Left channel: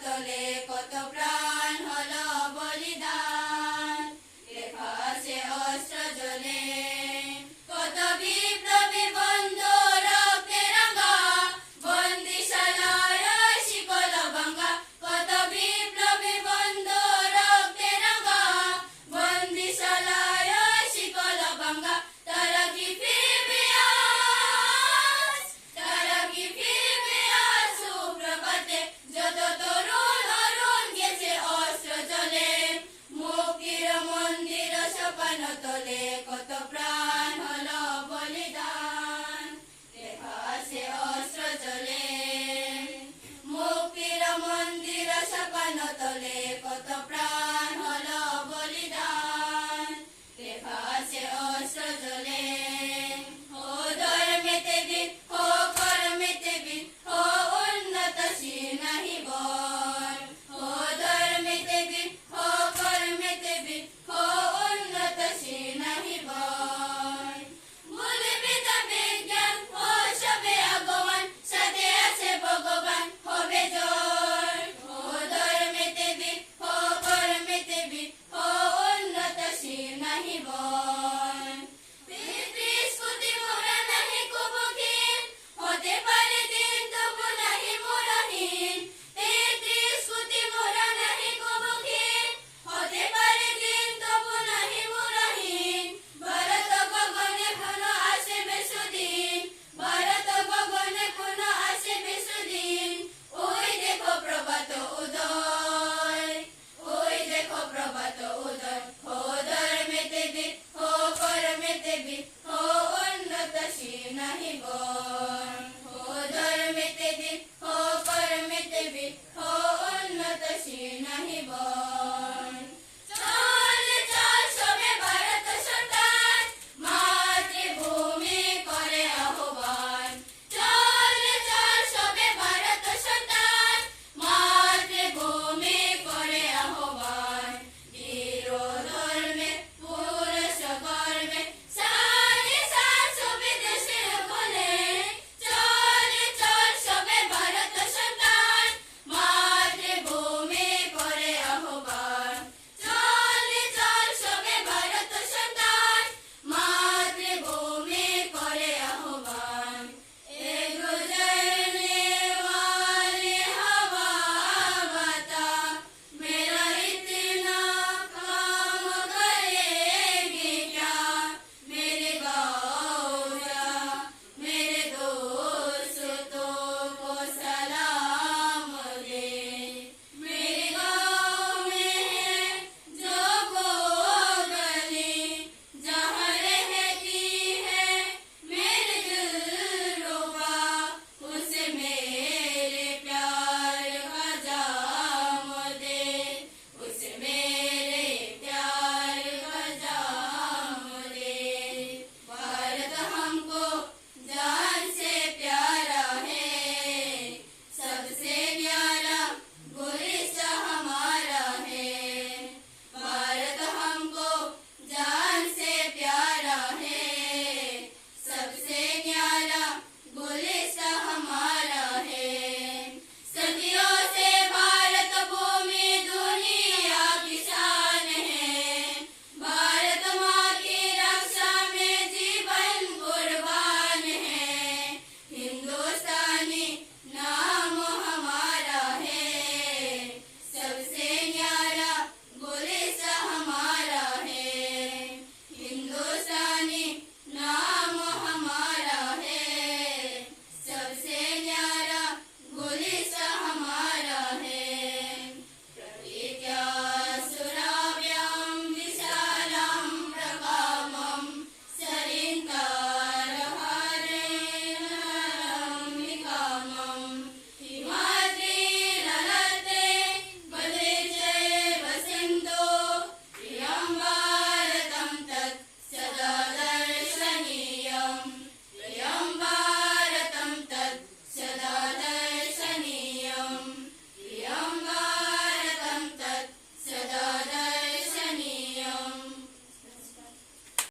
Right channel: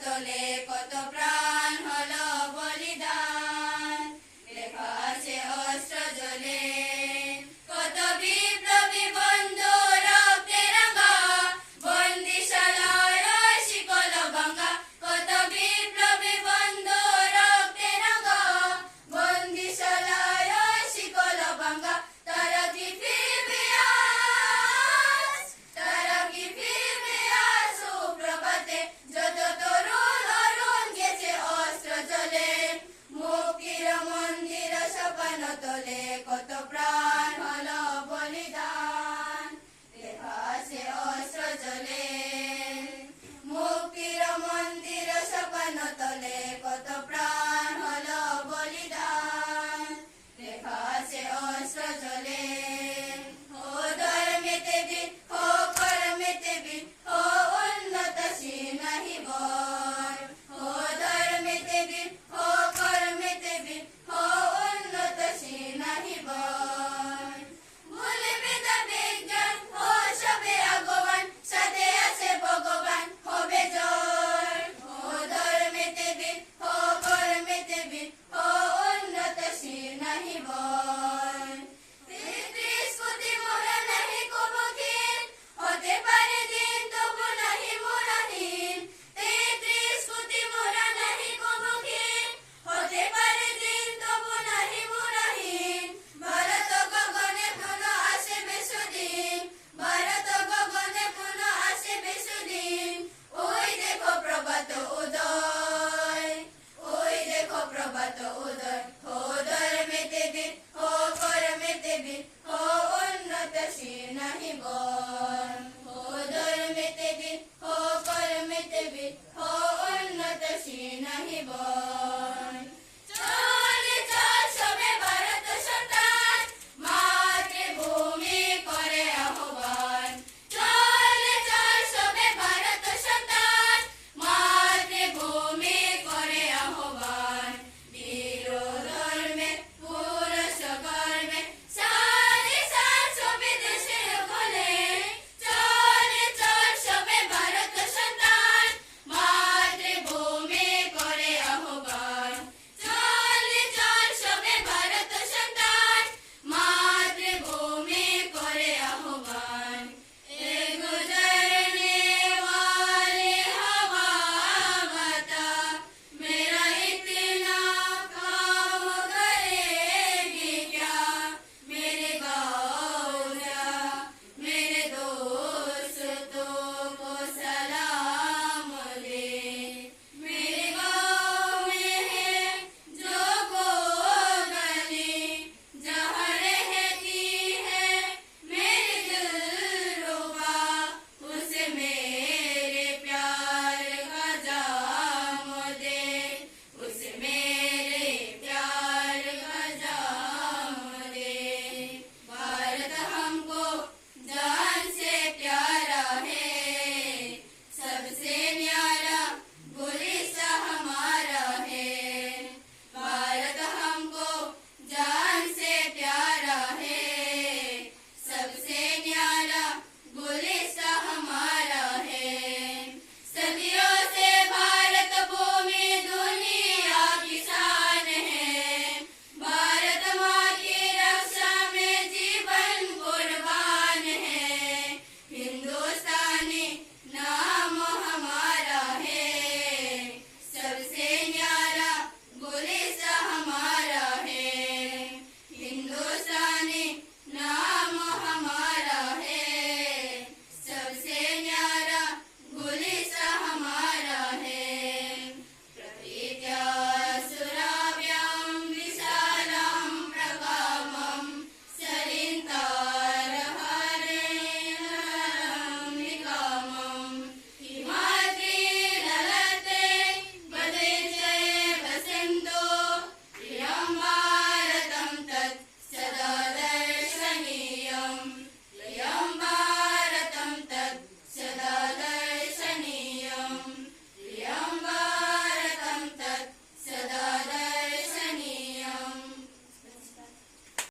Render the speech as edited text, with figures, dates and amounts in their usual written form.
তলে কত প্রাণ হলো বলিদান, লেখা আছে অস্ত্র জ্বলে কত বিপ্লবী বন্ধু রক্তে রাঙা, বন্দিশালার শিকল ভাঙা, কত বিপ্লবী বন্ধু রক্তে রাঙা, বন্দিশালার শিকল ভাঙা। তারা কি ফিরবে আজ, তারা কি ফিরবে আজ সুপ্রভাতে, যত তরুণ অরুণ গেছে অস্ত্র জ্বলে, মুক্তির মন্দির সোপান তলে কত প্রাণ হলো বলিদান, লেখা আছে অস্ত্র জ্বলে, মুক্তির মন্দির সোপান তলে কত প্রাণ হলো বলিদান, লেখা আছে অস্ত্র জ্বলে। ও ধর্মেতে বীর, ও কর্মেতে বীর, ও উন্নতশীল নাহি বর, ও ধর্মেতে বীর, ও কর্মেতে বীর, ও উন্নতশীল নাহি বর। ভুলবে তা বিজ্ঞান ও সবে আগমন, সাথে আছে ভগবান হবে জয়। ও ধর্মেতে বীর, ও কর্মেতে বীর, ও উন্নতশীল নাহি বর। পিতৃস্তুতি মোরা নাহি কুমুখিন, হতে পারে দিন তবু নাহি মোরা হীন। পিতৃস্তুতি মোরা নাহি কুমুখিন, হতে পারে দিন তবু নাহি মোরা হীন। ভারত গগনে পুনঃ আসিবে সুদিন, ভারত গগনে পুনঃ আসিবে সুদিন। ওই দেখো প্রভাত উদয়, ওই দেখো প্রভাত উদয়। ও ধর্মেতে বীর, ও কর্মেতে বীর, ও উন্নতশীল নাহি বর, ও ধর্মেতে বীর, ও কর্মেতে বীর, ও